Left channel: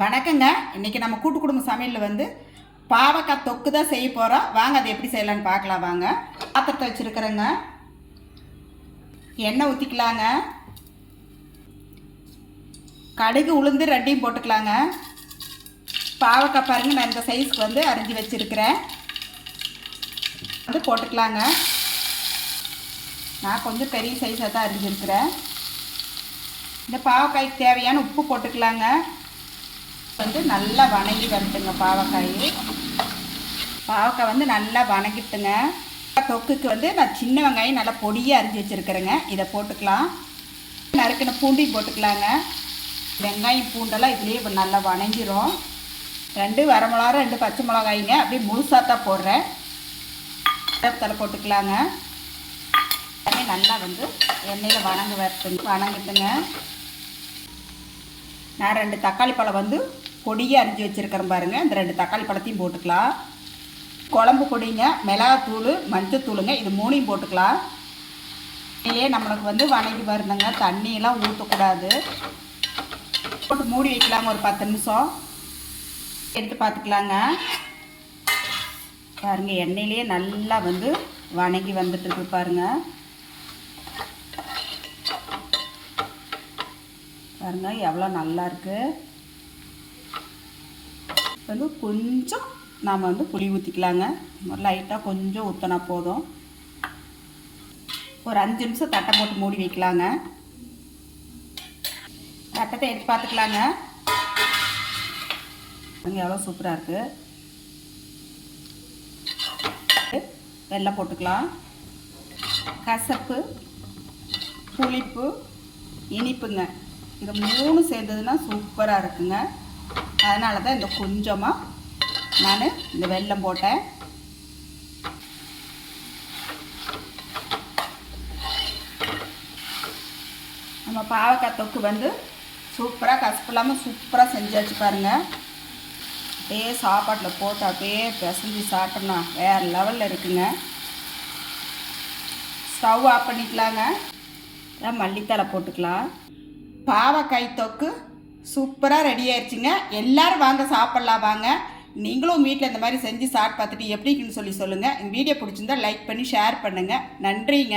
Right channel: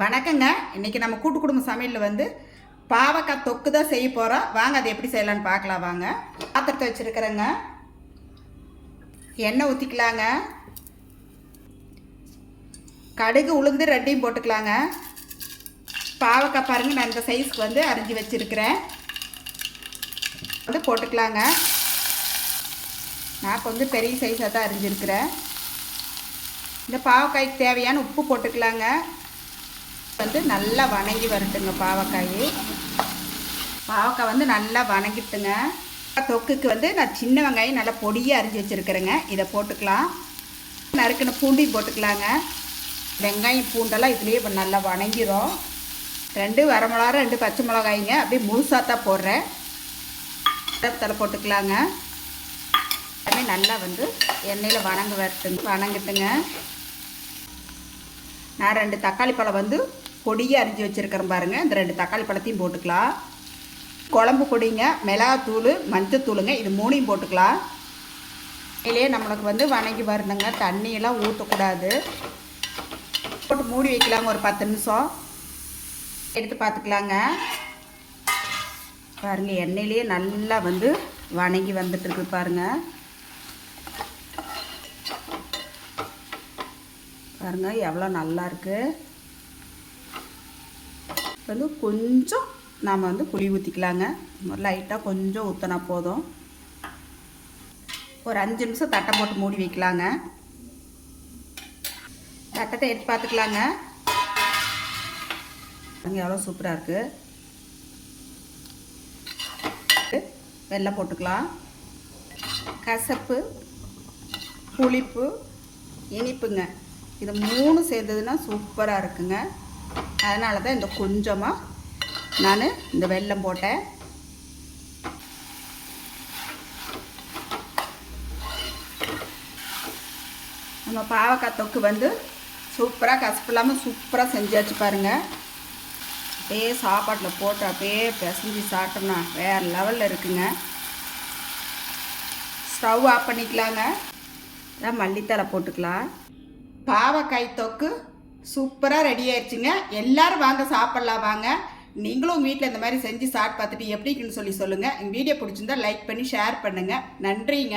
வணக்கங்க. இன்றைக்கி நம்ம கூட்டு குடும்ப சமையலில் வந்து பாவக்காய் தொக்கு தான் செய்ய போகிறோம். வாங்க அது எப்படி செய்யலான்னு பார்க்கலாம். வாங்க, பாத்திரத்தை வச்சுருக்கிறேங்க. எண்ணெய் ஊற்றிக்கலாங்க. கடுகு உளுந்து ரெண்டையும் போட்டுக்கலாங்க. பாவக்காய் பாருங்கள், நான் இந்த சைஸ்க்கு வந்து அரிஞ்சு வச்சுருக்கிறேன். வந்து போட்டுக்கலாங்க. நான் கொஞ்சம் பெரிய சைஸாக தான் அரிஞ்சிருக்கிறேன். இந்த பாவக்காய்க்கு தேவையான உப்பு போட்டுக்கலாங்க. வந்து நல்லா வணங்கி வரட்டுங்க. பாவக்காய் வந்து நல்லா வணங்கிட்டுங்க. தொக்குக்கு வந்து நான் சின்ன வெங்காயம் நல்லா பொடியாக அரிஞ்சு வச்சுருக்கிறேங்க. இதை போட்டுக்கலாம். நறுக்கின பூண்டையும் போட்டுக்கலாங்க. வெங்காயம் பூண்டெல்லாம் இதுலேயே இப்போ நல்லா வணங்கிரும். 2 வரமிளகா 2 பச்சை மிளகாய்ங்க அப்படியே முழுசாக தான் போடுறேன். தலை போட்டுக்கலாங்க. எல்லாமே நல்லா வந்து எண்ணெயில் வணங்கிட்டுங்க. நான் 2 தக்காளி பழம் வந்து பொடியாக அரிஞ்சு வச்சுருக்கிறேன் பாருங்கள். இந்த 2 தக்காளி பழத்தையும் போட்டுக்கலாம். குழம்பு பொடிங்க, மிளகாத்தூள், மஞ்சத்தூளுங்க, இது 3ஐயும் போட்டுக்கலாம். இதுலேயே நம்மளுக்கு வந்து வணங்கி வரணுங்க. தண்ணியெல்லாம் ஊற்றக்கூடாது. போட்டு மூடி வைக்கலாங்க. ஒரு 10 நிமிஷம் எடுத்து பார்த்துக்கலாங்க. பாருங்கள், எண்ணெயிலேயே நல்லா வந்து வணங்கி வந்துட்டுருக்கு பாருங்கள். பாருங்கள் எவ்வளோ நல்லா இருக்குது. வந்து கொஞ்சம் நாம் வந்து புளி ஊற்றிக்கலாங்க. லைட்டாக கொஞ்சம் ஊற்றினா போதும். ஒரு 5 நிமிஷம் தட்டை போட்டு மூடி வைக்கலாங்க. தட்டத்தை எடுத்து பார்த்துக்கலாங்க. அங்கே எவ்வளோ சூப்பராக இருக்குது. வெல்லம் போட்டுக்கலாம். கசப்பு, புளிப்பு, இனிப்புங்க, இது 3 சேர்ந்ததுன்னா சூப்பராக இருக்குங்க. அதனால தான் இந்த கொஞ்சமாக நான் இந்த வெல்லம் போட்டேன். நம்ம பாவக்காய் தொக்கு வந்து சூப்பராக கசப்பு இல்லாமல் சூப்பராக செஞ்சாச்சு பாருங்கள். அப்படியே சாப்பாட்டில் போட்டு அப்படியே பிசைஞ்சு சாப்பிட்டோம்னா வேறு லெவலில் இருக்குங்க. ஸ்டவ் ஆஃப் பண்ணிக்கலாங்க. மல்லித்தலை போட்டுக்கலாம். பாவக்காய் தொக்கு சூப்பராக ரெடி ஆயிடுச்சுங்க. எல்லோரும் வாங்க சாப்பிட்லாம். வாங்க, நீங்களும் வீட்டில் இந்த மாதிரி செஞ்சு சாப்பிட்டு பார்த்துட்டு எப்படின்னு சொல்லி சொல்லுங்கள். இந்த வீடியோ பிடிச்சிருந்தா லைக் பண்ணி ஷேர் பண்ணுங்கள். நன்றிங்க.